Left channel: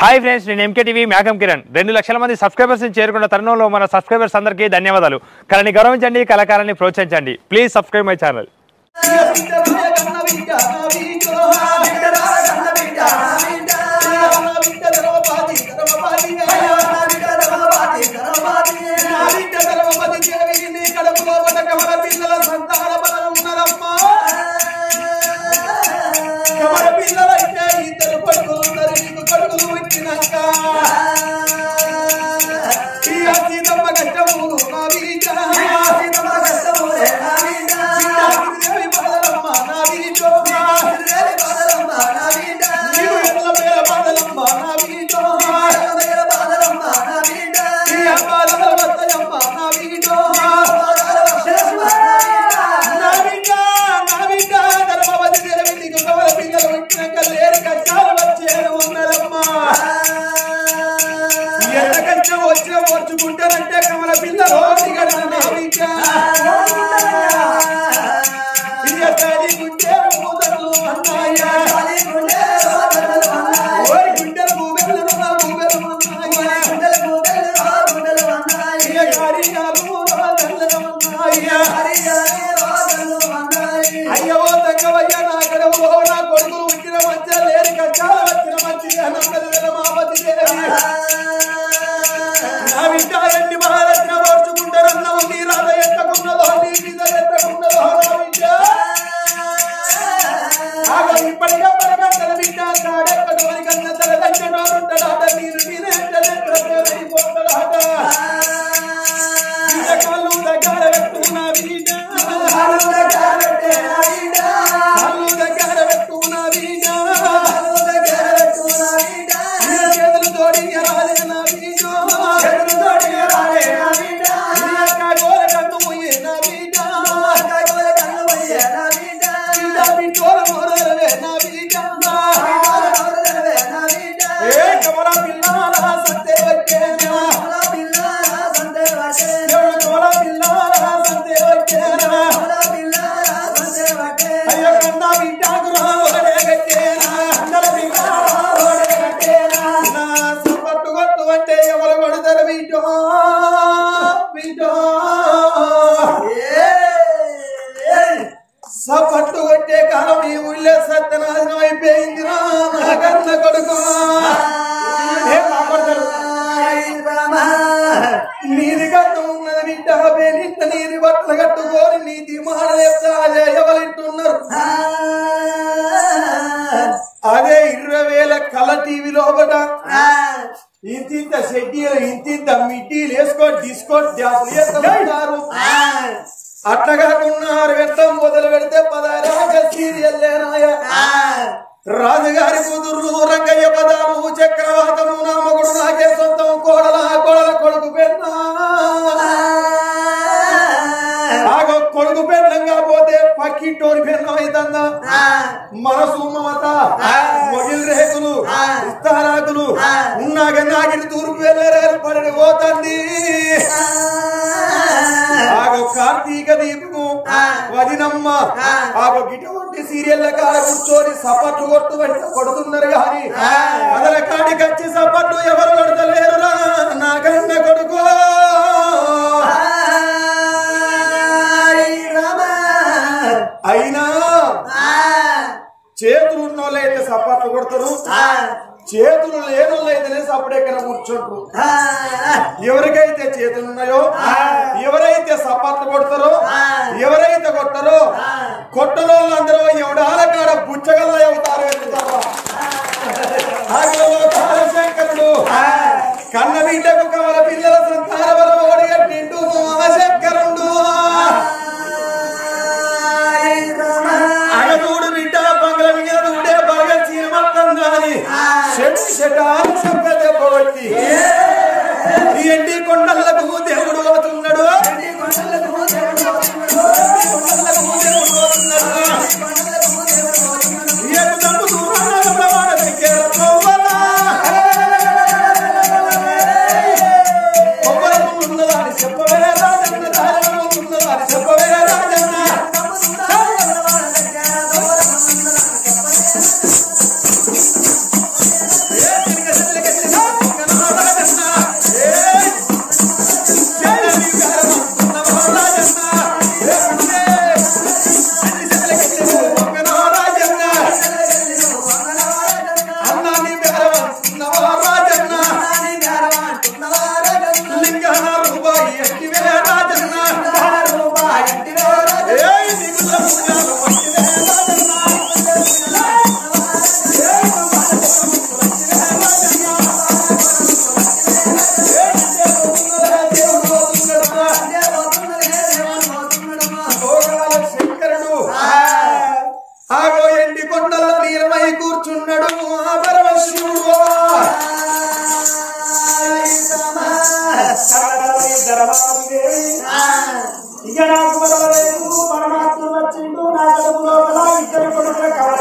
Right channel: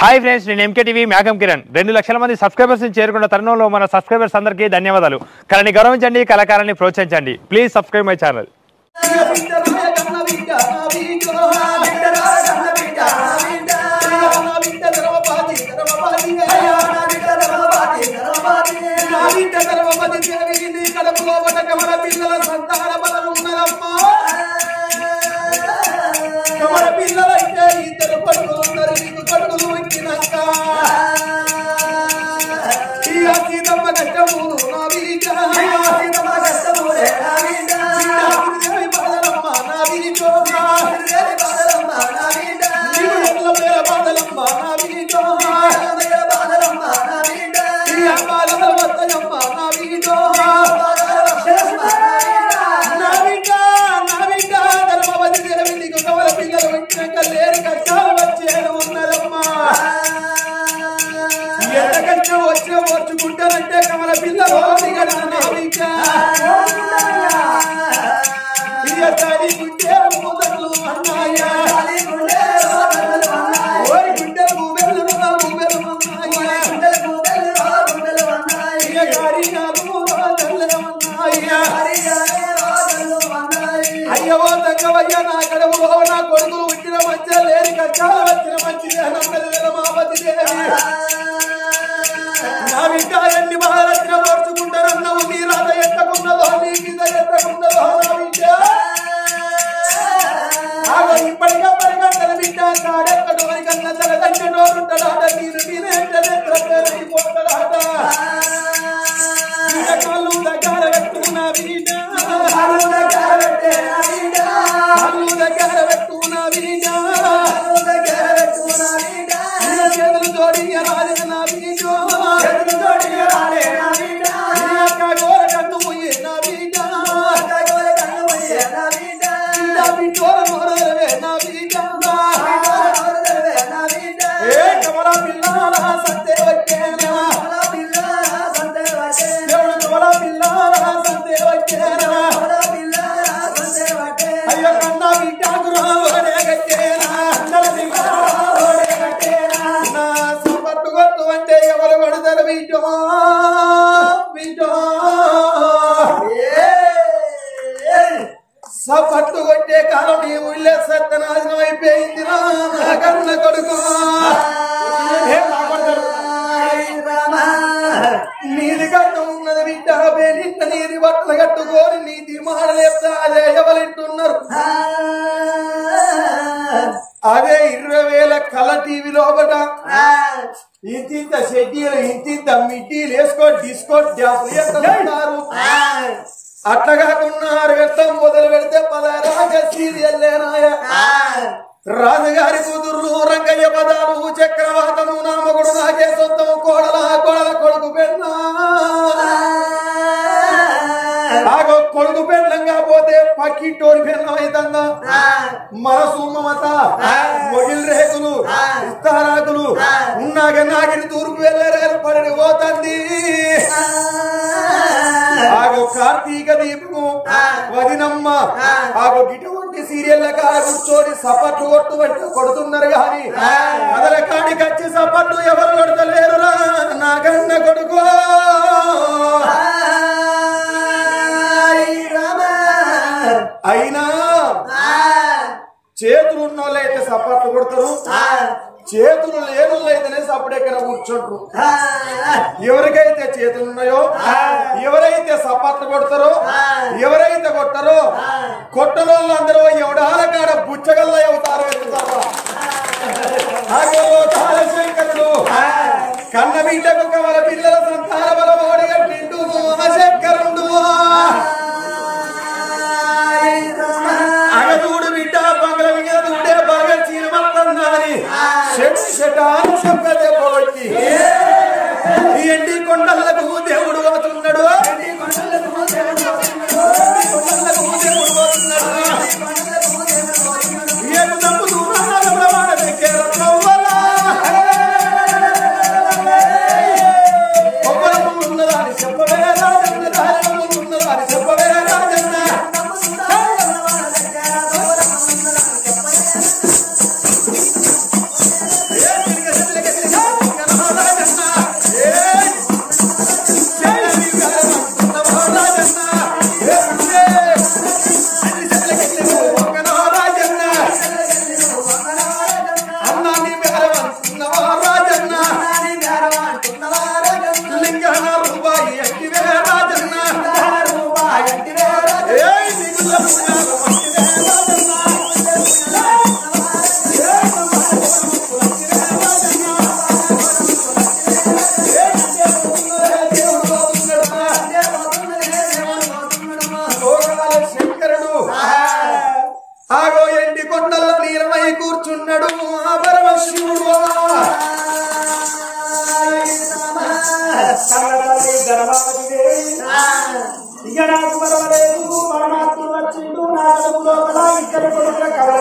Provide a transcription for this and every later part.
Hi friends, నేను MK TV మేఘం కిరణ్. 2 లక్షల మంది సబ్స్క్రైబర్స్ ని చేరుకున్న తరుణంలో మన సబ్స్క్రైబర్స్ అందరికీ ధన్యవాదాలు. కళని గౌరవించండి, కళాకారాన్ని ప్రోత్సహించండి. Please subscribe my channel. వచ్చుకుంటారంటే కమల పిల్లలు అయ్యో తగ్గవయ్యా నా కడవు నా కొడుకులు వచ్చిన మంచి లేని కష్టాలు వచ్చిన మంచి మాపతి నా బిడ్డ ఎన్ని మహారత్న మార్చుకుంటారన్నావు నీ రాధ ఎట్టకున్నదో నీ కింద ఎట్టకున్నదో ఇప్పటిగా పరగంటల బిడ్డ కాడెక్కడోని కన్న తలదంటే నోరుంటాడాట నీరు నీరైపోతాడాట కళ్ళు దగ్గర పెట్టుకున్నా బిడ్డ కళ్ళు దగ్గర పెట్టుకున్నా బిడ్డ చేతులు తోడి రాలే నా బిడ్డ చేతులు తోడి రాలే నా బిడ్డ గోల కన్ను పోయే నా బిడ్డ గోల కన్ను పోయే నా బిడ్డ నా బిడ్డోల మోరలే నా బిడ్డ నా బిడ్డ ఏ కమల పిల్లల సంతే వచ్చేనా కమల పిల్లల సంతే వచ్చేనా కమల పిల్లల సంతే వచ్చేనా కమల పిల్లల సంతే వచ్చేనా అయ్యో కన్న బిడ్డ గురాలే గట్టేనా అందల బిడ్డోడే గట్టేనా నా సపట్టు గొట్టు అంటే ఎవరు కొడతారు బిడ్డో బిడ్డో సపట్టు కొట్టే కాలం ఈ ఊళ్ళో సత్యనాశనం అయిపోయింది నా కన్న కొడుకు నీది కట్టు ఉన్నది బిడ్డ నిన్న నీది బట్టలు కట్టుకోని నీతి మాడలేస్తా అదే ఎవరింటున్నారు అదే 20,000 కళ టీవీ లోపట ఇంత షెడ్యూల్ ఇంత మిడ్డీలు వేసుకో డిస్కో డ్యాన్సులు చేస్తున్నారు అట్లా కాకుండా 6 గంటలు మొదలు పెడితే 16 సీరియల్లేనాయ రాజుగారి కూతుర్లు రంగయ్య పదాలు చక్రవాతము నామకుడు నాకే సొంతం కోడల కొడుకు పెన్నా కొడుకు పెళ్ళం కాకపోతే పక్కింటోరి పెళ్ళం అవుతుందా మనసు మమత మొగిలి రేకులు ఇస్తారాకులు ఉన్నాక నాగిని తూర్పు వెళ్ళారు పడిని పోతండి ఆగో కార్తీక దీపము వదినమ్మ ఆగో గిటువంటి సీరియల్ల కాడ కూర్చొని సపట్లు కొడుతున్నారు గాని మొదల కాడికి వచ్చి సపట్లు ఎవరు కొడతలేరురా నా కన్న కొడుకు అయినా చేతులు ఉన్నోళ్ళైతే సపట్లు కొడతారు చేతులు లేనోళ్ళైతేనే సపడెక్కడ కూర్చుంటారు ఎవరికైతే చేతులు ఉన్నాయో ఎవరైతే సపట్లు కొడతారో ఎవరైతే కొట్టరో కొట్టనోళ్ళు అందరూ ఎవడాల కాడ బుచ్చగల్ల అవుతారో శంకరుడు కన్న బిడ్డకు కమల పిల్లల సంతాన బలం ఓడిగట్టిండు శంకరుడు అగదూడు బిడ్డ బంగ్ల మీద దూడే బరగ చీనమల్లని షటాలు చెప్పబట్టి ఎండి కొండలకు దేవుడు పోతున్నాడు ఏడు తప్పు దూరాల ప్రమాణ ఉన్నదాని చెప్పవే ఉన్నదాని చెప్పవే రాజన్న ఇంకా నాకు మరవలేదు పరమాత్ముడు వచ్చిండు నా కడుపు లోపల ఇద్దరు కొడుకుల కవల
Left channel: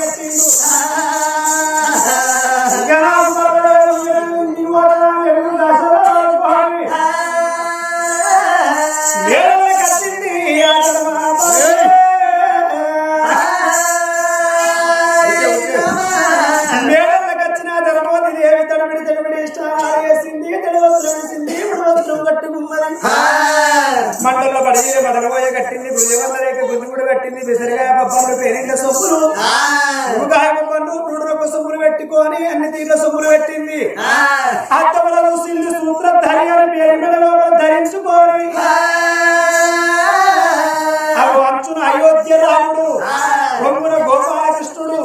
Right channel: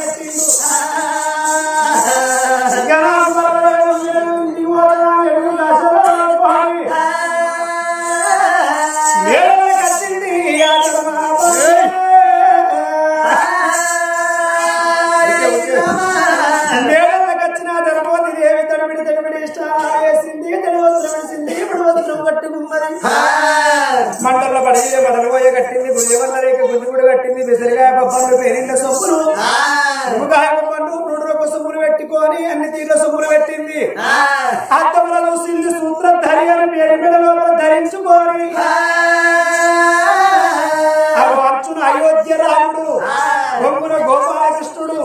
కట్టిండు ఇంకా నాకు మరవలేదు మేడల కట్టింది మేడలకు వచ్చిన ధర్మవతి దేవి తడిబిడి ఇష్టాలు వేసింది తడివస్త్రం వేసింది ఇప్పుడు వస్త్రం కట్టుకున్నది మంటల్లో పడిన మడలు పోయ కట్టింది గుజవల్ల రేఖ గుంజుగుడు కట్టింది విసరిగాయ పప్పండు పేరింట సొమ్ములు ముగాయ పప్పండు 3 రూపాయల సొమ్ములు పెట్టుకొని అన్ని తీర్ల సొమ్ములు పెట్టింది అత్తములలో సిల్లు సూత్రం ధరియాల పేరు మెడలో ధరించుకోని అవి అంచున అయోధ్య రాముడు బొమ్మన గోపాలకృష్ణుడు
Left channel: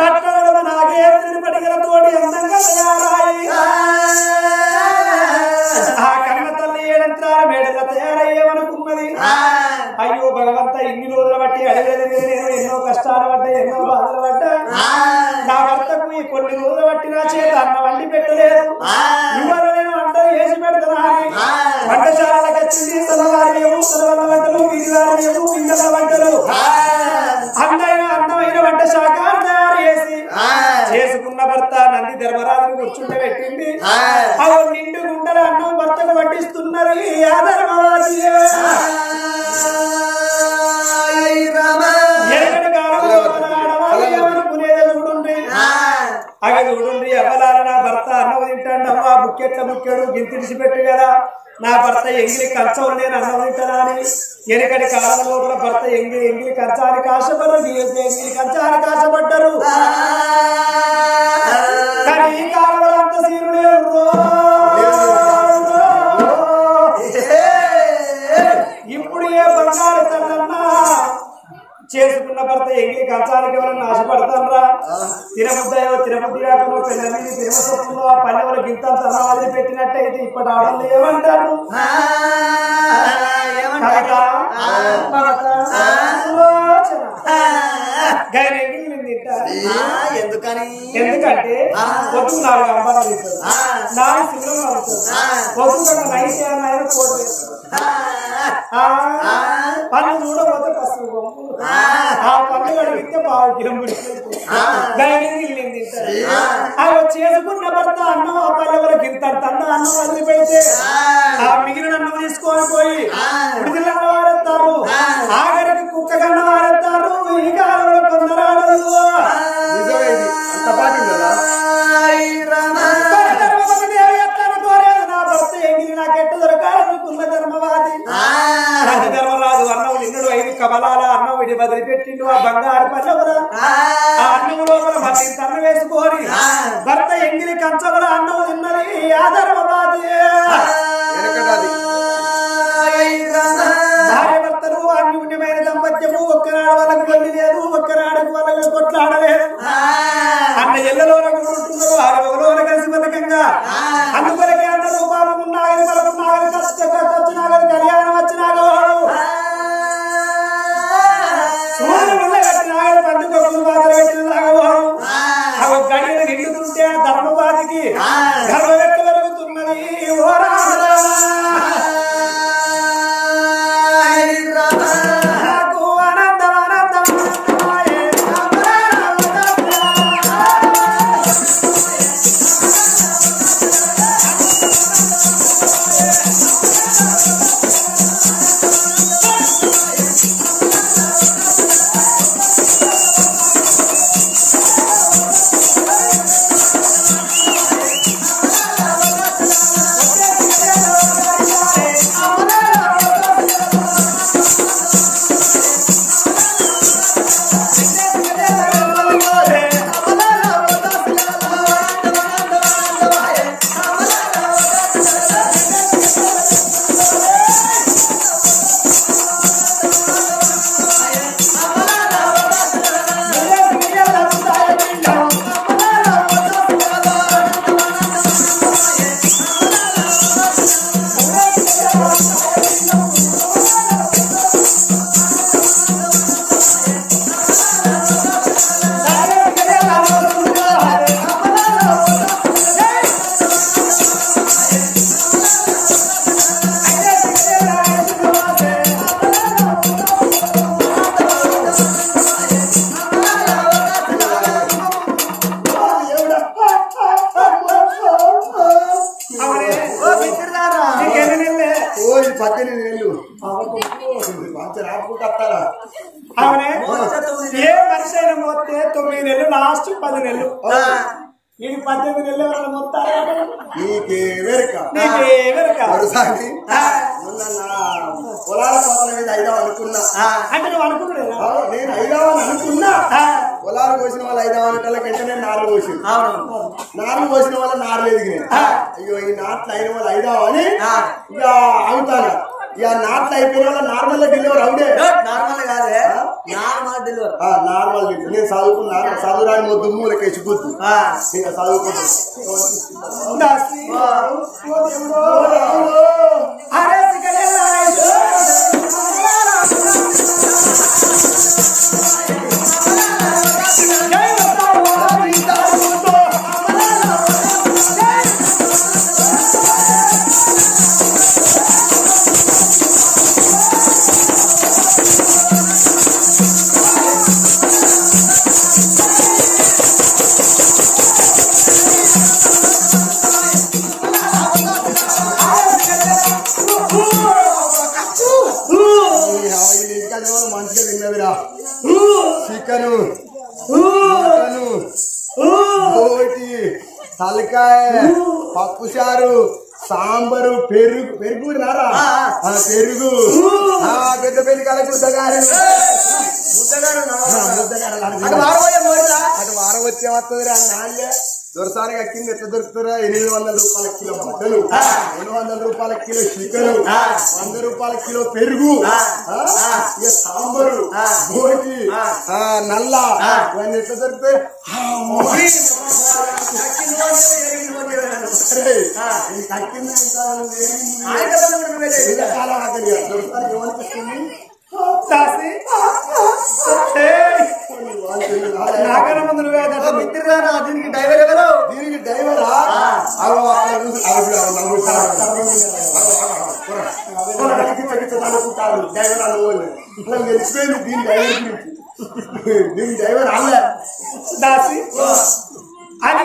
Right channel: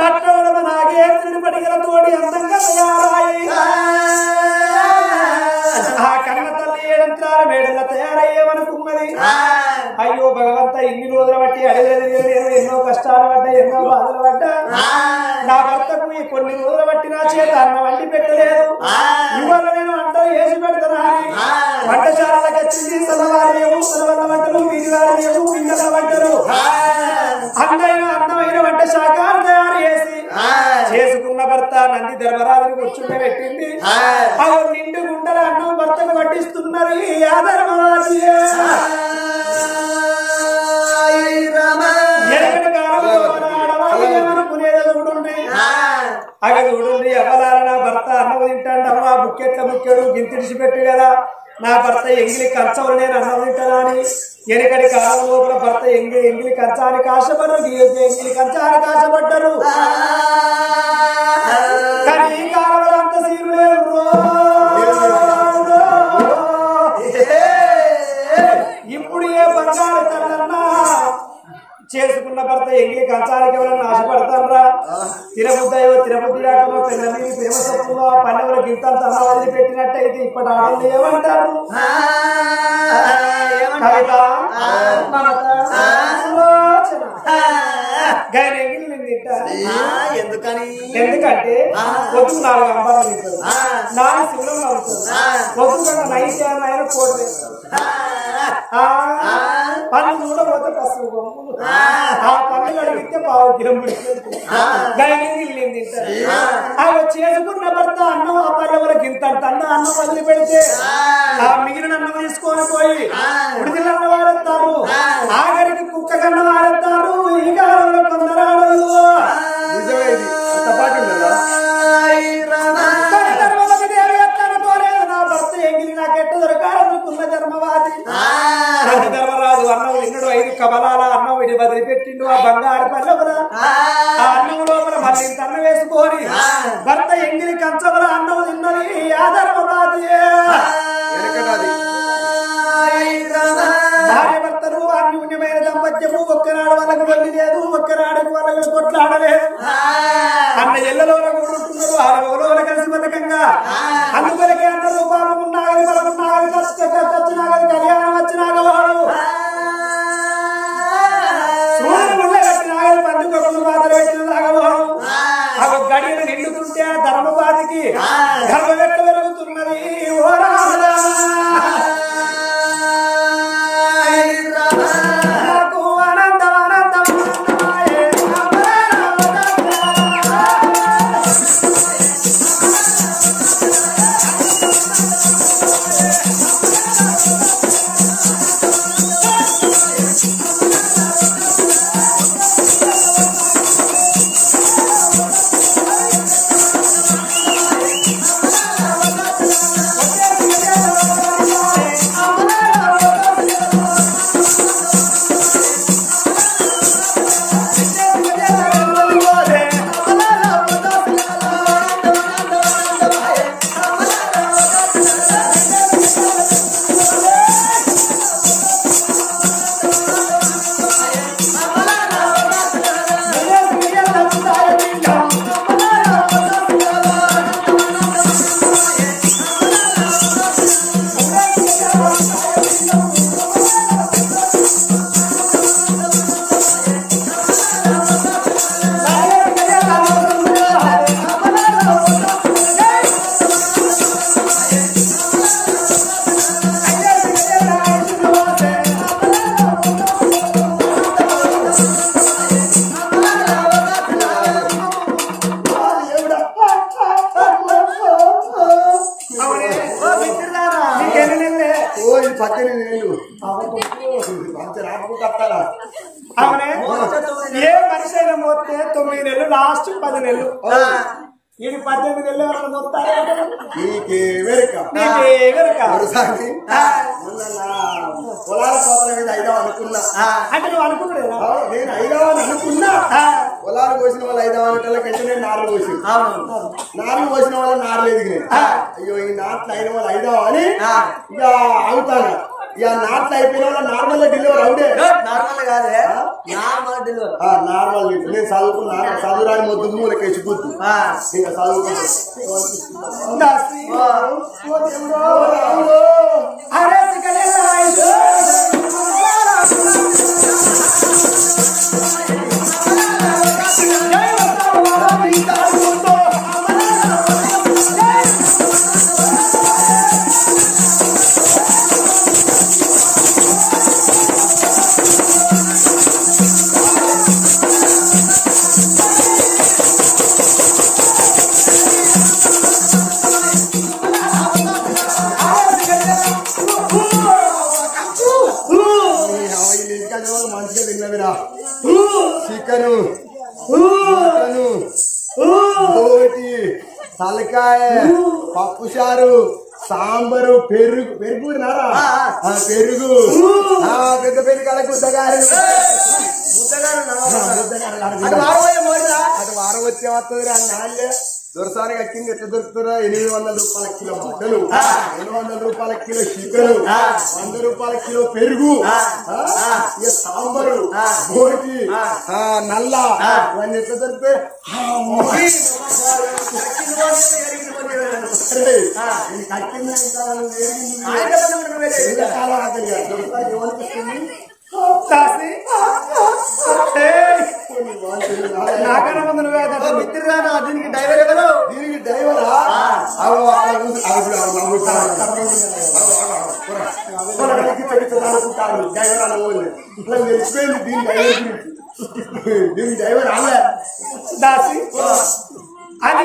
నట్టడమ నాగేంద్రుడి పడిగల తోడి అందంగా తయారాయి ఆ కన్న తల్లి ఏడంత్రాల మేడల తయారయ్యేమనుకున్నది అయ్యో భగవంత ఇన్ని రోజుల బట్టి అడవిలో తిరిగి నేను ఎన్నో కష్టాలు పడ్డా ఎన్నో బాధలు పడ్డా నా భర్తకు ఈ కొన్ని రోజుల బట్టి నా చేత అన్న వండి పెట్టలేదు ఇవాళ నేను వంటలు వేసి పెడతానా అని వంటశాలకు వచ్చింది తలవారమేమో తలవల్ల వంటలు వీరివారమేమో పిల్లల వంటలు అందమైన వంట శాఖ తయారు చేసి చేసుకున్న భర్త నంది ధర్మరాజుని కూర్చుంటే పెట్టింది అవి నిండు గుండెల అన్నం భర్తకు పట్టిస్తున్నది ఆ ధర్మరాజు ఎనకటి కాలంలో ఆడవాళ్ళనుకునేది చూడండి అగ చూడండి ఎవలాల నా భర్త అన్నం తింటాడు అమ్మా బుక్కెట్ల బుక్కెడు గింతిడిచి పెట్టు కదా నా భర్త ఎంగిలి కంచవులు నేను అన్నం తింటానా అని ఎనకటి కాలం లోపల భర్త ఎంగిలి కంచానికి ఆశపడ్డారు ఎంగిలి కంచానికి ఆశపడ్డారు కానీ ఈ కాలంలో అంత సీరు లేదు ఇప్పుడు ఏ బంగారు తల్లన్నా చేసుకున్న భర్త ఎంగిలి కంచానికి ఎవరన్నా ఆశపడతానరా తిరుపతి రాకనో పెళ్ళ మీద ప్రేమ సొప్పులో ఆ పల్లెవుల గింతలు తన వదిలి పెట్టినట్టయితే ఇప్పటి ఆడవాళ్ళు ఏమంటారు కవిత ఎందుకంటే పొద్దు 4 అంబారాలు ఇస్తారు 4 శివులను అవుతారు పొద్దు కన్నా నైట్ ఆయన కోట్ వేస్తారు పన్ను చూడబోతే పసుపు బొమ్మలు ఆ పన్ను కడిగితే పావు కిరంబుడి గైనింగ్ తింటారు అవి చేసుకున్న భర్త అన్నం ఆ పల్లెవర గింతంత అన్నం వదిలి పెడితే ఆ మిగిలిన అన్నం తీసుకొని పోయి ఉడిదిల అన్న వాడతారు ఆఖరికి కుక్క కన్న వాడతారు ఈ కాలంలో కొందరు ఆడదు నా భర్త ఎంగిలి నాకెట్ట దొరకాలనుకున్న ధర్మవాది ధర్మరాజు అన్నం తిన్నడు 5 కమలాల అన్నం విడి వదిలిపెట్టిండు ఆ బంగారు పల్లెవర ఆ అన్నం లోపల మళ్ళీ ఇంత అన్నం వేసుకొని భర్త ఎంగిలి కంచముల అన్నం తిన్నది ఆ ధర్మవాది భార్య భర్తలు అన్యూన్యమైన దాంపత్యము ఒక్కనాడు వాళ్ళకు వెళ్ళి లేదు ఒక్కనాడు వాళ్ళకు కొట్లాడలేదు అన్న ఎల్లలోన కూడా ఉంటున్నారు ఆరవలోన కలిసి బతకంగా అందుకొరకే అన్నారు బాబు ఉన్నాగని బలమున్నాగని వచ్చినాగని కళ్యాణం వచ్చినాగవాడు సూర్యుడు ముళ్ళ కట్టినాగని పండుగలు పాత్ర పెట్టినలాగవాడు ఆ గడియలు నిండుతుంటే ఆ ధర్మపాతికి గర్భవెట్ట పెరుగుతున్నది ఓ రామ 18 ఏళ్ళు మంచి రాపుకుంటూ వస్తారా అవునే ఏ మనిషి అయినా మొత్తే 9 నెలలు లాస్ట్ 10 నెలలు ఇది 18 నెలలు ఎవరైనా మొత్తారా నీకేమెరక పొలాల కోతల మీద అయిదాం అనుకున్నా అంటే నువ్వు అనుకున్నాడు నేను అయిదామని అనుకున్నా పొలాలు కోసిన వాళ్ళు అయిదామనేటోళ్ళకంటే నేను నార్లు కోసింది నార్లు కోసిన వాళ్ళ నార్లు ఎదిగినాయి అయ్యో ఈ నాట్లు అయిన వాళ్ళు అయిదామని ఇక అవుతాను ఇక నాట్లు అయిపోయిన వాళ్ళ నార్మల్ డెలివరీ అవుడే నార్మల్ కాదే నార్మల్ డెలివరీ నార్మల్ నేను చదువుకున్నా చదువురాని మొద్దు మూలకేసి గుర్తు ఇక చదువుకుంటా మంచిగా తిన్నదిరా చికెను మటను బోటి తలకాయ పప్పుచారు సాంబారు పెరుగు పెరుగు నారా పెరుగు పెద్ద పెళ్లి కాల ముద్దగారు అటు వారం వచ్చే వస్తుంది రా నాళ్ళే దొరసానికి అక్కింది ఎట్లా దొరుకుతారా 800 రూపాయల కిలో మటను 200 రూపాయల కిలో చికెను 100 రూపాయల కిలో పెరుగు ఇక సాంబారు బోటి నల్ల ఇవన్నీ ఎట్లా దొరుకుతాయి కక్కింది చాలా ఆకలి దొరసానికి ఏమనిపిస్తుంది నాకన్నా ముందు మిత్రురా దీనికి డ్రైవర్ ఎవరు దీనికి డ్రైవరా అనుకుంటారు డ్రైవర్ అలా తెలిసిపోయింది దీని డ్రైవర్ గురించి దీని డ్రైవర్ అల్లే దాసి అది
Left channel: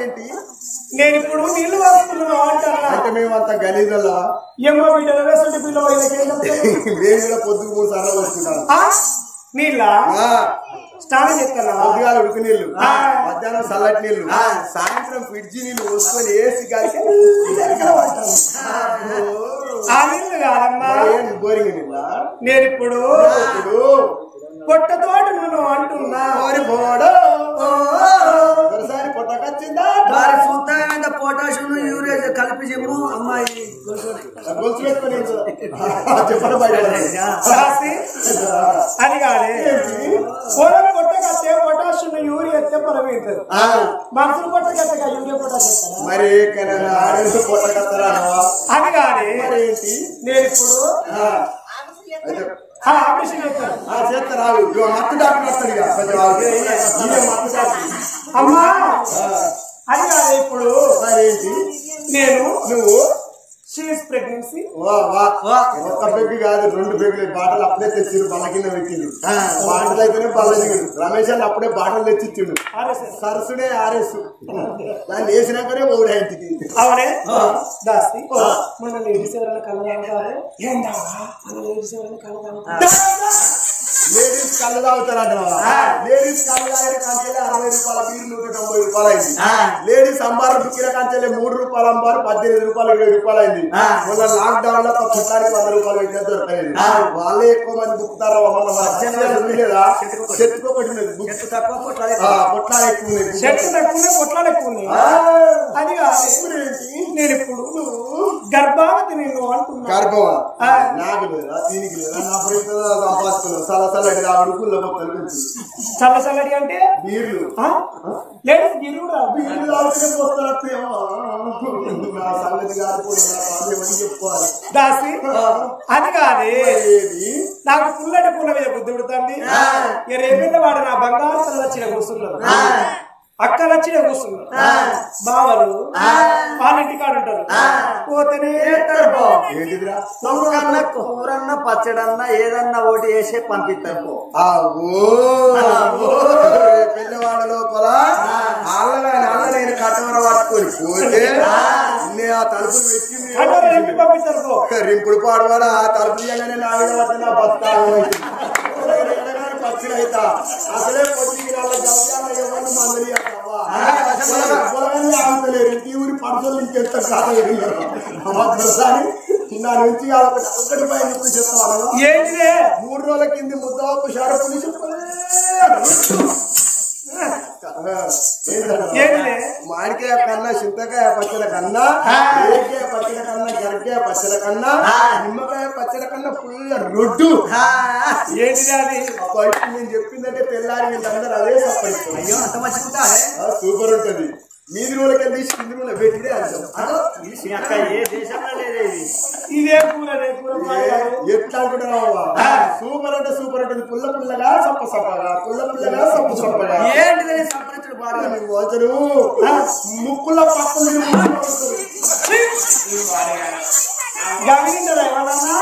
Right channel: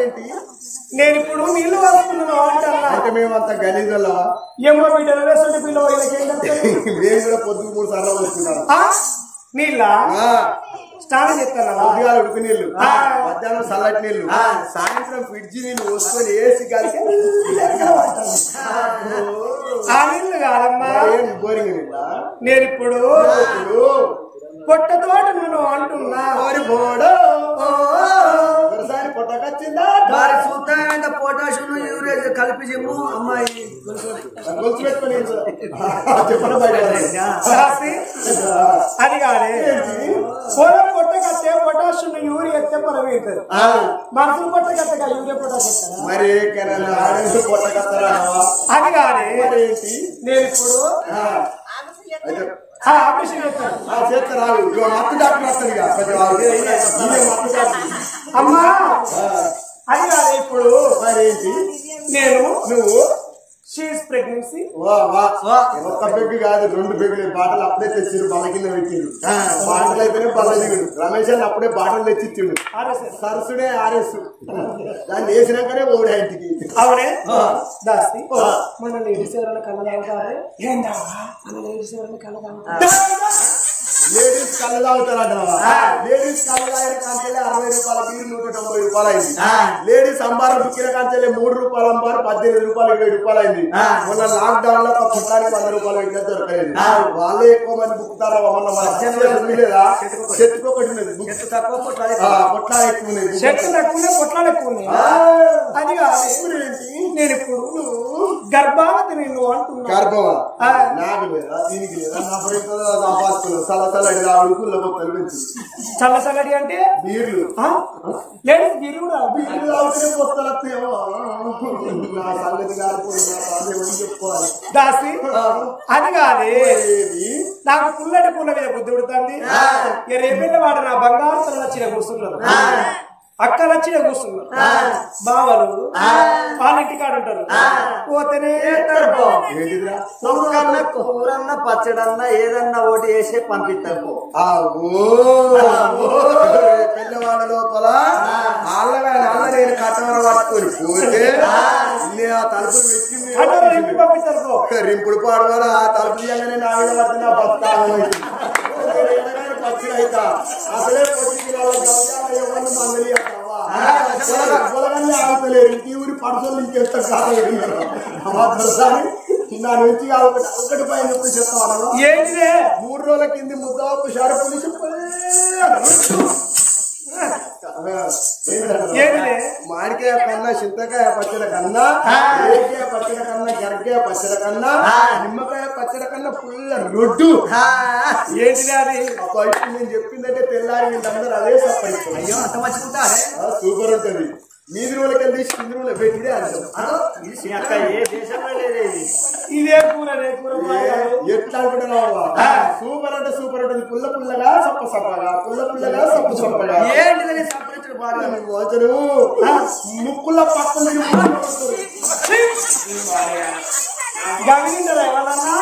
ఏంటి నేను ఇప్పుడు నీళ్లు వాడుతున్నాను అంటారా అంటే మేమంతా గలీజుల్లో ఏమో బిడ్డలు వేస్తుంటే పిల్లలు మేము కూడా పొద్దుకు 3 సార్లు వస్తుంటాను నీళ్ళ స్నానం చేస్తాను పొద్దుగాల ఉడుకు నీళ్లు మధ్యాహ్నం చల్లటి నీళ్లు సాయంత్రం ఫ్రిడ్జి నీళ్లు పోసుకొని ఏసి గారికి ఆ నీళ్లు కాదమ్మా బోరింగ్ నీళ్ళ నేను ఇప్పుడు పొట్టతోట నువ్వు అంటున్నా పొట్టకొచ్చిందా వారి సొంత పొటాషియం యూరియా కలిపి చెప్పు అమ్మాయి గొలుసు పెట్టుకొని చెప్పండి అది కాదే పొలం పొట్టకట్టే పొటాషియం యూరియా ఎత్తే పొలం అవుతుంది మనుషులు పొట్టకట్టగా యూరియా పొటాష్ మరి పొట్టకత్తరా అది కాదే నేను ఇప్పుడు ఆపరేషన్ చేస్తారా మత్తు డాక్టర్ వస్తాడు మత్తు డాక్టర్ అమ్మా అది కాదు ఇప్పుడు మరేంటి నేను నువ్వు షీఈస్ ప్రెగ్నెన్సీ ఒక్క బెగ్గు కాదు 2 బెగ్గులు బాటలు అప్పుడే తెచ్చిరు బల్ల కింద పెట్టిండు బాటలు అయితేనే బల్లజీవుడు రమేష్ అని అప్పుడే బాటలు తెచ్చిచ్చిండు సరసుడే ఆర్ఎస్ దాన్ని వేసినాకనే ఓడి ఇంటికి అవునే దాస్తి మన లేడీస్ ఎవరైనా కళ్ళ లేడీస్ ఎవరైనా కళ్ళ లేడీస్ కళ్ళు తాగుతారంట లేడీస్ కళ్ళు తాగిన కాంచెల్లి 60 రూపాయల బీరు 190 రూపాయలు అయింది లేడీస్ అంబారు బుక్కిన కాంచెల్లి 3 రూపాయల అంబారు 18 రూపాయలు 20 రూపాయలు అయింది మొన్న లాక్ డౌన్ లో పుట్టానికి 100 రూపాయలు పెట్టిన దొరకలేదు వాళ్ళే ఎక్కువ మంది బుక్కుతారు మొన్న మన లేదా చెట్టుకు ఒకటి ఉన్నది పొట్లాలు ఎక్కువ ఉన్నాయి పొట్లాలు ఎక్కువ ఉన్నాయి అది నేను ఇప్పుడు గర్భావతి నిన్ను అంటున్నా గర్భమా నాకు లేదా దీనికి లేదా నా పరిస్థితి సంపాదిస్తున్నాను చల్లటి తాగుడు బొక్కలు పెంచు చల్లటి అంటే బీర్లు లేదు బీర్లు కూడా బీర్లు తాగుతూనే పోస్తారేమో నా సంగతి కాకపోతే నా పాదేమని చెప్పుకోవాలి దాసి అది కాదే నాకు పుల్లటి పుల్ల మీద బుద్ధి పుడుతుంది రేపెంట వాడు నా బంగారు తల వచ్చిన కూర్చున్నారు అక్కలు వచ్చి కూర్చున్నారు బావలు వాళ్ళంటి కాడు ఉంటారు పోతేనే ఏంటిదిరా కూరన్న పచ్చడన్నా ఏదన్నా ఒకటి వేసి పంపిస్తారు పిల్లవాడ లోపల అల్ల నేను కట్టవర పట్టుకొని పోతే ఆ తలుపులు పెట్టింది పంపిస్తారు రింపుడు పాడవాడ ఆ తలుపు తీయగానే నా మీద పడితే నా బస్తా పచ్చిన అయితా అసలే పొద్దుకి ఎవరిని మందలి ఆగుతలేరు ఇంటి ఊరి పడుతుంది ఇంకెంత కాదని నా నుంచి ఒకటి పైన ఎప్పుడు చెప్తాను 3 రోజుల కింది ముద్దవాపు షారు పోలీసు మామిడికాయ కన్నా చింతకాయ పచ్చడి కన్నా రేకాయ పచ్చడి కన్నా గరకాయ పచ్చడి కన్నా నిమ్మకాయ పచ్చడి కన్నా ఫుల్ రొడ్డు ఏంటిది అది నేను చెప్పిందంటే తెల్లారి వీళ్ళందరూ అదే సప్పరిస్తారు అయ్యో అంత మంచిగా సూపర్ ఉంటది మీది రోజులకి వెళ్ళి కింది రోజులు పెట్టిడే అర్థం అక్క ఏ దేశంలో లేదే ఇది ఇదే కూర ఎట్లా అనుకుంటున్నావా సూపర్ అంటే సూపర్ ఉంటుంది పుల్ల పుల్లగా సప్ప సప్పగా పుల్ల పుల్లగా సప్పు సప్పగా ఏంటిదని సంప్రదించడం బాగా వచ్చరు ముక్కుల పక్కన గమనించదా ఎవరన్నా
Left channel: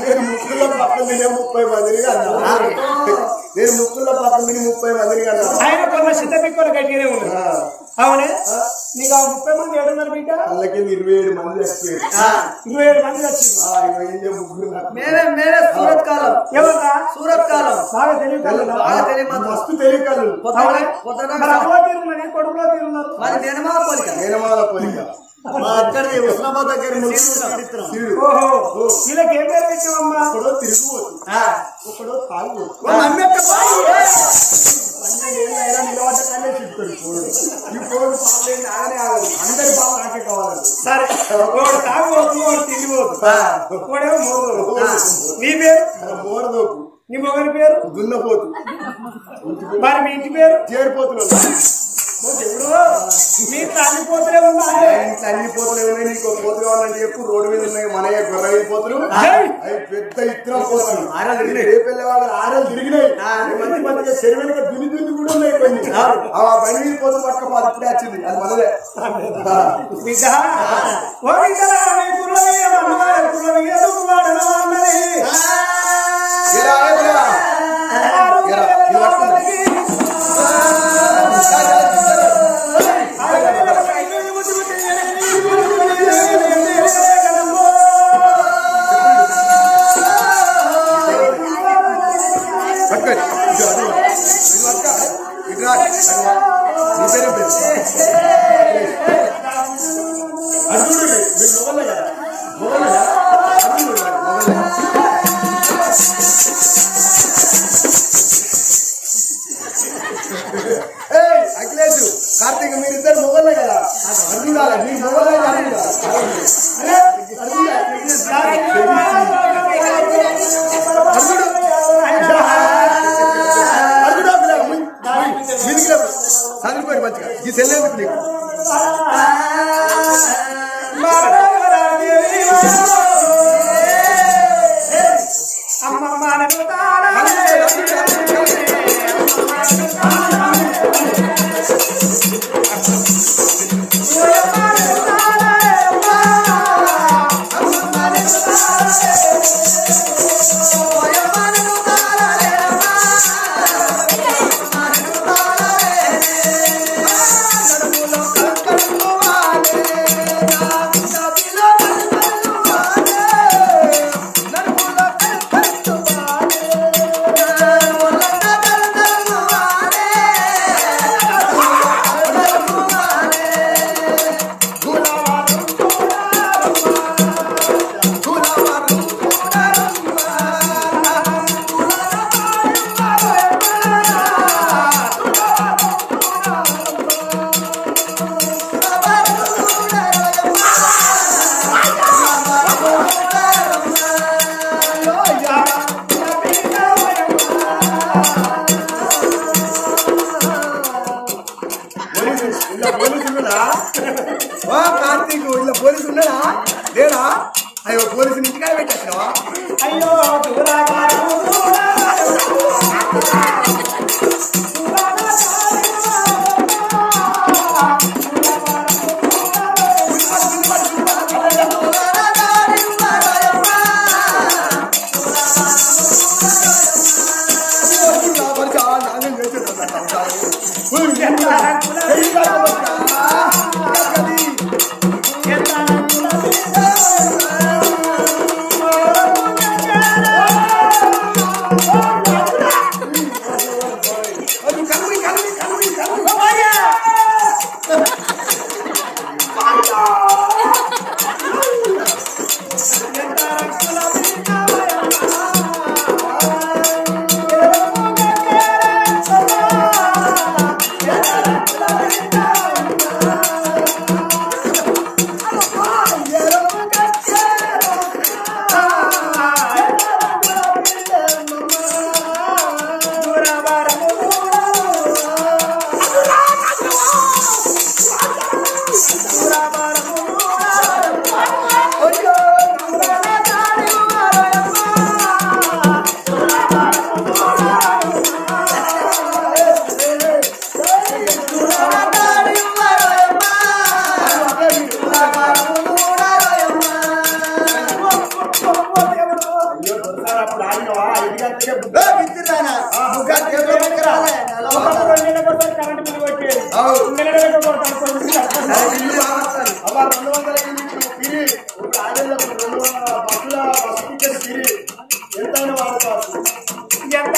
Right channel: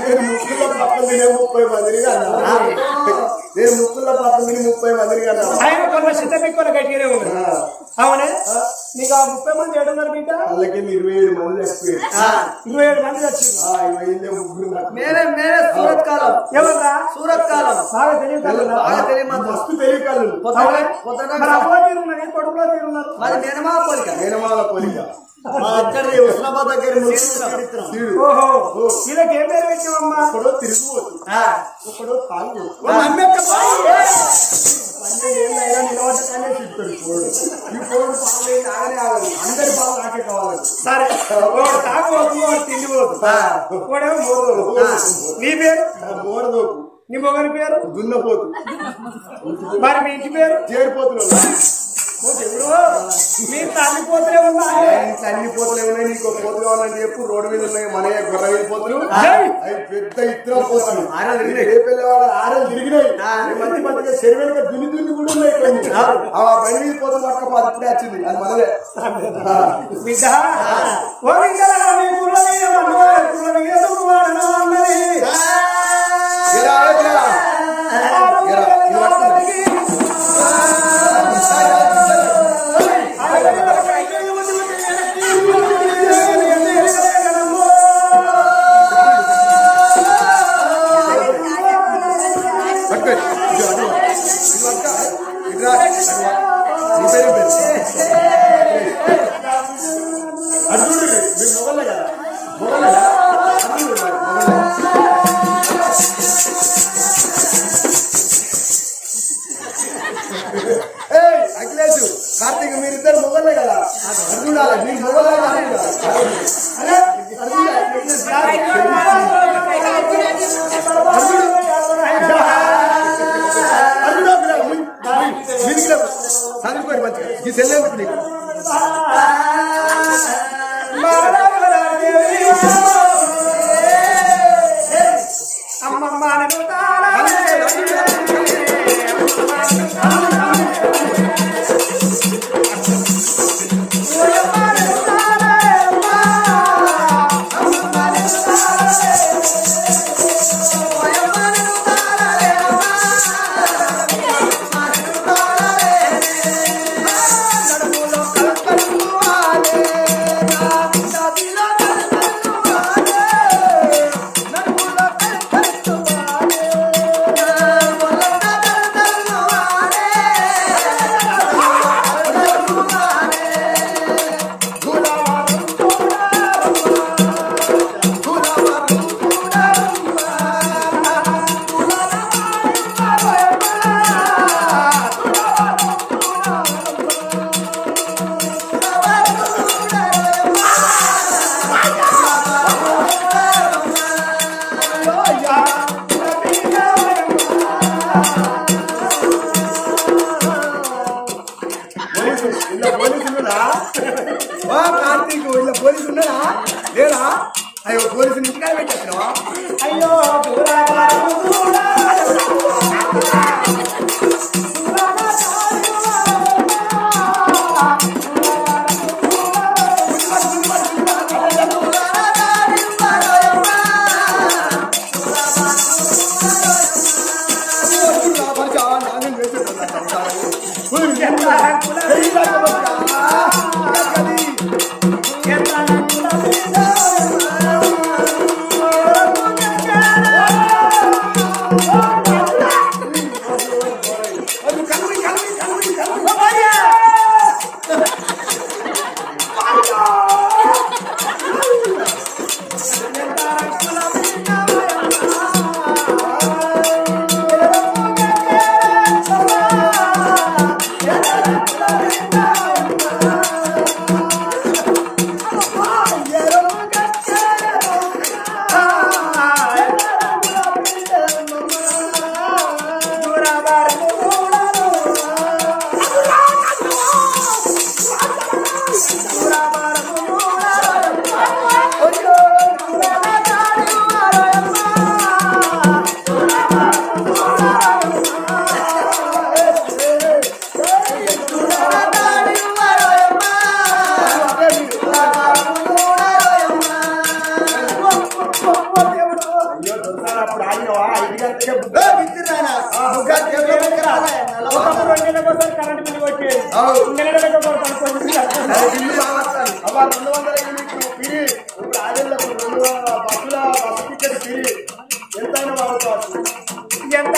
నేను ముక్కుల పక్కన తినే 30 మందిని అన్నా నేను ముక్కుల పక్కన తిని 30 మందిని అన్నా ఆయన కొన్న సిద్ధపెక్కువ గట్టిగానే ఉంది అవునే నీకు ఆ 30 మంది ఏడున్నారు బిడ్డ వాళ్ళకి 27 మంది ఎక్స్పీరియన్స్ 27 మంది వచ్చింది 20 ముగ్గురు మేమే సూరత్ కాలం ఎవరా సూరత్ కాలం బాగా తెలియదు మస్తు తెలియకాలు అవ్వ తీరున్నది కొడుకులో తీరున్నారు మరి నేనమా పోలిక నేనమాల పోలిక మా అక్కడి ఉస్మాబాద్ దగ్గర ఓహో వీళ్ళకి ఏం పేరు పెట్టామమ్మా ఒకడో తిరుగుబోతు ఒకడో తాగుబోతు 12 ఏళ్ళు అయినా నిలబడ్డ కానీ చెప్తాడు పోడు ఈ పోడు పాలు ఆగనే ఆగదు అందరి పాలు నాకే కావాలి సరే ఒకడు తాగుబోతు ఒకడు తిండిపోతు ఒకడేమో మోరదోపు నీ పేరు మోరదోపు నీ మొగని పేరు దున్నపోతు మరి మీ ఇంటి పేరు చేరిపోతున్నా మీరు తల్లిపోతూనే ఉన్నాయి ఇంట్లో అన్ని పోతులే ఉన్నాయి నీకు పోతు కావాలంటే చెప్పు రోడ్డు మీద ఉన్నాయి మనయ్య గొర్రె పోతులు అవి పెద్ద ఇత్తనం పోతులు ఏ పిల్లవాళ్ళు 6 తిరిగినాయి మంచి మంచిగా చెరువుగా దున్ని దున్ని కూడా ఉన్నాయి కొన్ని ఆ బండి మీద పోతులు పట్టుకపోతే ఇప్పుడే వచ్చింది అది మనదే బిడ్డ ఓ బిడ్డలా మీ కుర్ర మీద కుర్ర మీద అఖిలేష్ కార్తీక్ మీరిద్దరు మొగలే కదా అర్జునాలి మీ మొగలే చదువుకోరు మంచిగా ఈ సెల్లెందుకు నీకు అమ్మమ్మ కార్తీక్ ఇలా పోలీసు ఉన్నారా లేరా అయ్యో పోలీసు ఇంటికాడ పెట్టేస్తున్నావా అయ్యో నెలడక కొడతాను కొంచెం అబ్బా 200 యూనిట్లు పిరి ఇప్పుడు ఆడేళ్ళకు 2 బస్సుల బస్సు టికెట్ పిరి ఎంతైనా వాడుకోవచ్చు ఎంత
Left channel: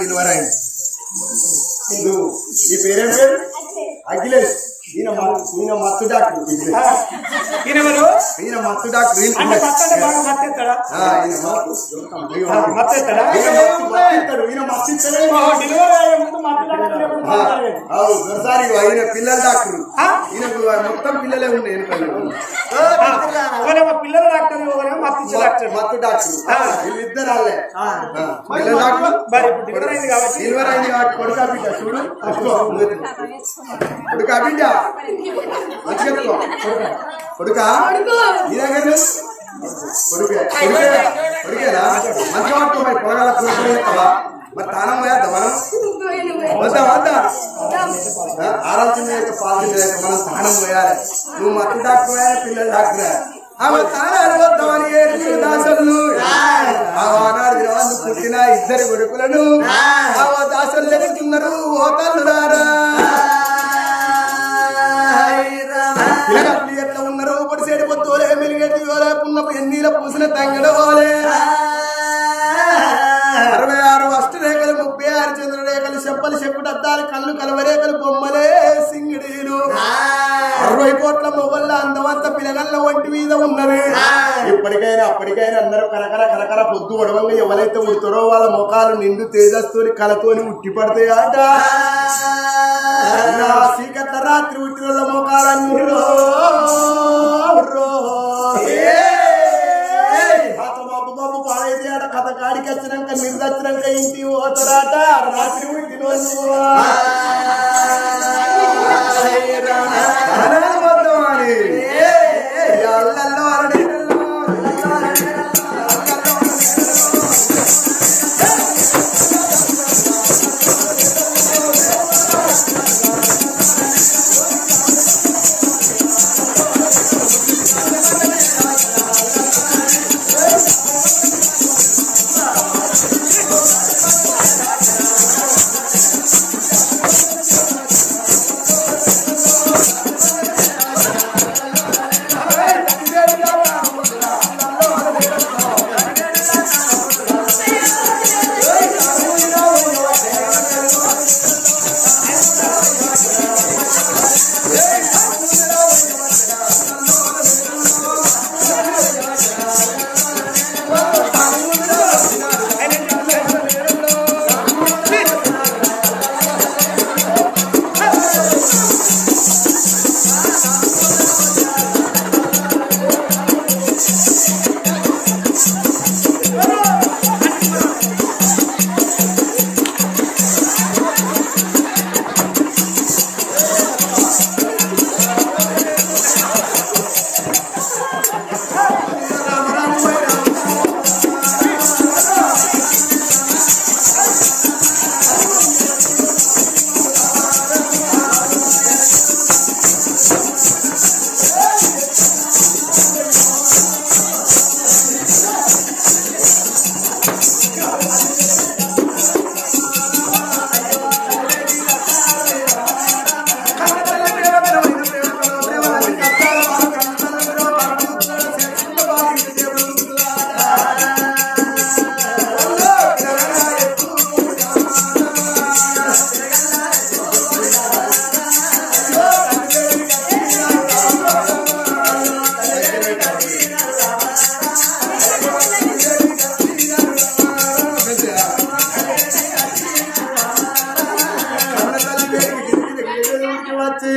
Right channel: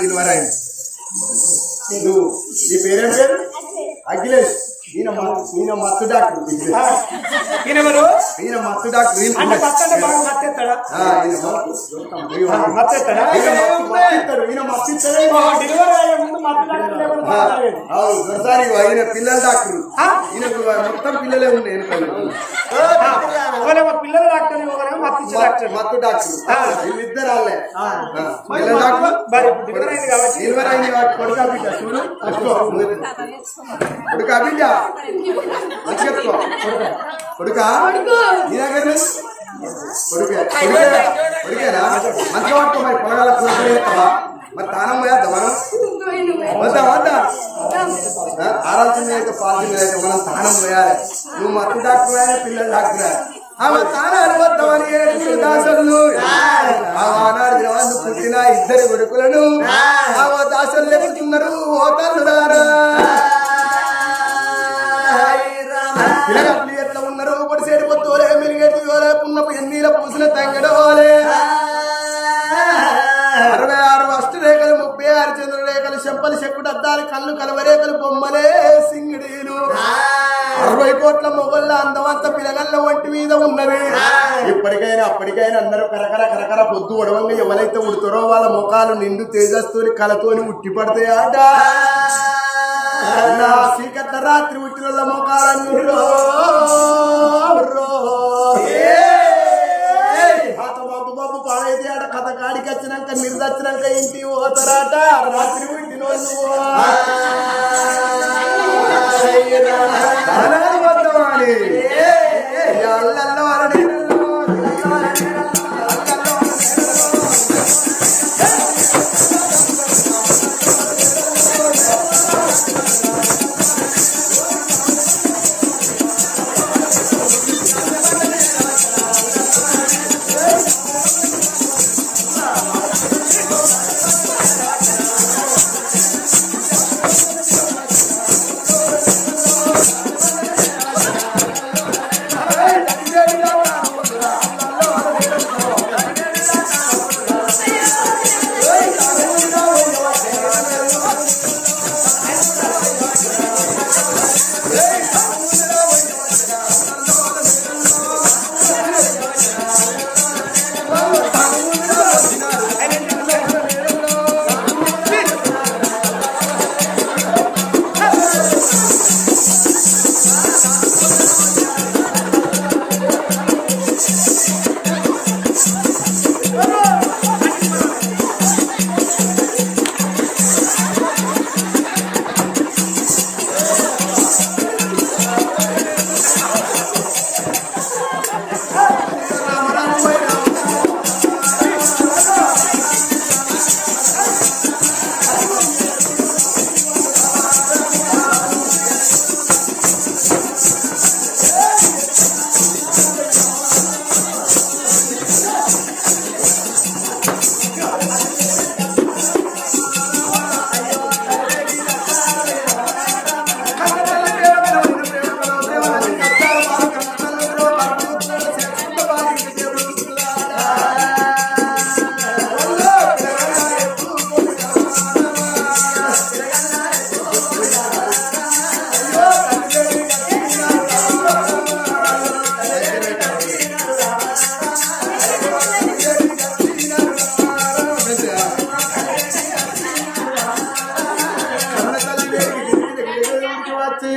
నిలవరాయి నువ్వు ఈ పేరేం పేరు అఖిలేష్ ఈయన మత్తు డాక్టర్ ఈయన మత్తు డాక్టర్ దొరసారి ఈయన పిల్లల డాక్టర్ ఈయనకు మొత్తం పిల్లలే ఉన్నాయి పిల్లల డాక్టర్ మత్తు డాక్టర్ వీళ్ళిద్దరు వాళ్ళే పిల్లల డాక్టర్ సిల్వర్ అయింది కాబట్టి కొడుకా బిడ్డ చూడు కొడుకా బిడ్డ మంచిగా కొడుకా నీ దగ్గర కొడుకేనా మంచిగా పట్టుకో మరి పొలగల కూరకూర చేస్తావా మరి తానం పోయేద్దా మనం వద్దా ఆరాల్సిన అయితే పాల్చిన అయితే మనం తానం పోయాలి నువ్వు మత్తు డాక్టర్ పిల్లల డాక్టర్ ఆమె తానాలు వద్దామని ఏడుగురు దాసలు ఆనాడు దినవందు పుట్టిన 2 కొడుకులను ఆమె దాసలు లెక్కున్నారు ఓతల్లుడారా పిల్లలు ఎట్లా ఉన్నారు పొడిసేడు పొత్తోలే మెలిగేటి పున్నపు ఎన్నీల పూసిన తంగడోలే 66 అష్టరేఖలు 36 చంద్రరేఖలు చెప్పలు చెక్కుడు అద్దాలు కళ్ళు కలవరేఖలు బొమ్మలే సింగిడీలు 60 కోట్ల మొగళ్ళ అందమంత పిలగళ్ళ ఒంటి మీద ఉన్నది ఇప్పటికైనా అప్పటికైనా అందరూ కరకర పొద్దు ఉడవంగా ఎవరైతే ఉడతారో వాళ్ళ ముఖాలు నిండు తేజస్తోని కళతోని ఉట్టి పడతాయట నా సీకట్ల రాత్రి ఉట్టిన మొఖాలన్నీ బాబు పాడైతే ఆడ కథ కాడికి వచ్చినాక మీరు వచ్చినాక ఇంటి పోతారట రాత్రి ఉట్టిన వద్దామని అల్లల్లో వచ్చి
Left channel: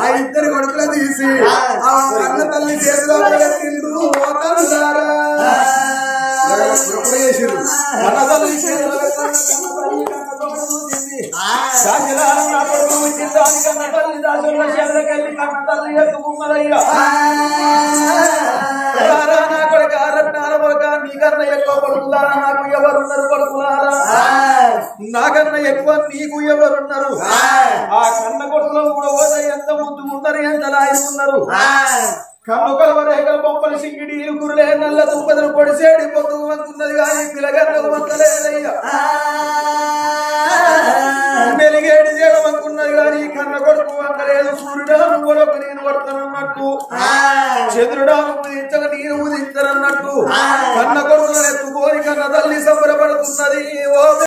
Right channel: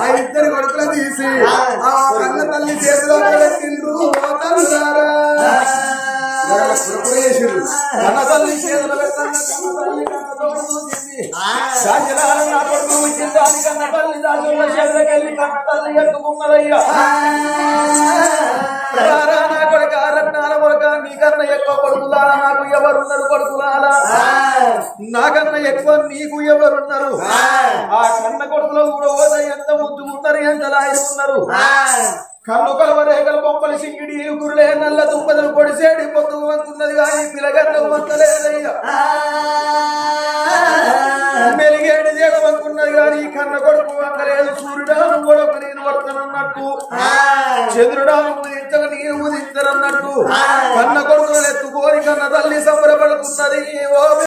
ఆ ఇద్దరు కొడుకులు తీసి ఆ కన్న తల్లి చేతిలో పెట్టిండ్రు చేసిండ్రు కన్న తల్లి చేతిలో నా కొడుకు వచ్చింది కన్న తల్లి దాచుల చేతులకెళ్ళి కన్న తల్లి ఎత్తుకున్నదయ్యా నా కొడుక రత్నాల కొడుక నీకన్నా ఎక్కువ కొడుకులారా నాకు ఎవరున్నారు కొడుకులారా నాకన్నా ఎక్కువ నీకు ఎవరున్నారు ఆ కన్న కొడుకులో కూడా పోతే ఎంత ముద్దు ఉన్నారు ఎంత లాయి ఉన్నారు కన్ను కలవ రేగల బొమ్మలు సింగిడి గురులే నల్ల తుప్పదలు పొడిసేడి పొద్దుకు వంతున్నది కానీ పిలగన్నకు వంతలేదయ్యా మెలిగేడి చేయమనుకున్నది కానీ కన్న కొడుకు వంకలేదు సూర్యుడాను కొడుకు నేను పడతానన్నట్టు చంద్రుడాను ఉదించక నేను ఉదించనన్నట్టు కన్న కొడుకులను ఎత్తుకోని కన్న తల్లి సంబరపడుతున్నది ఓ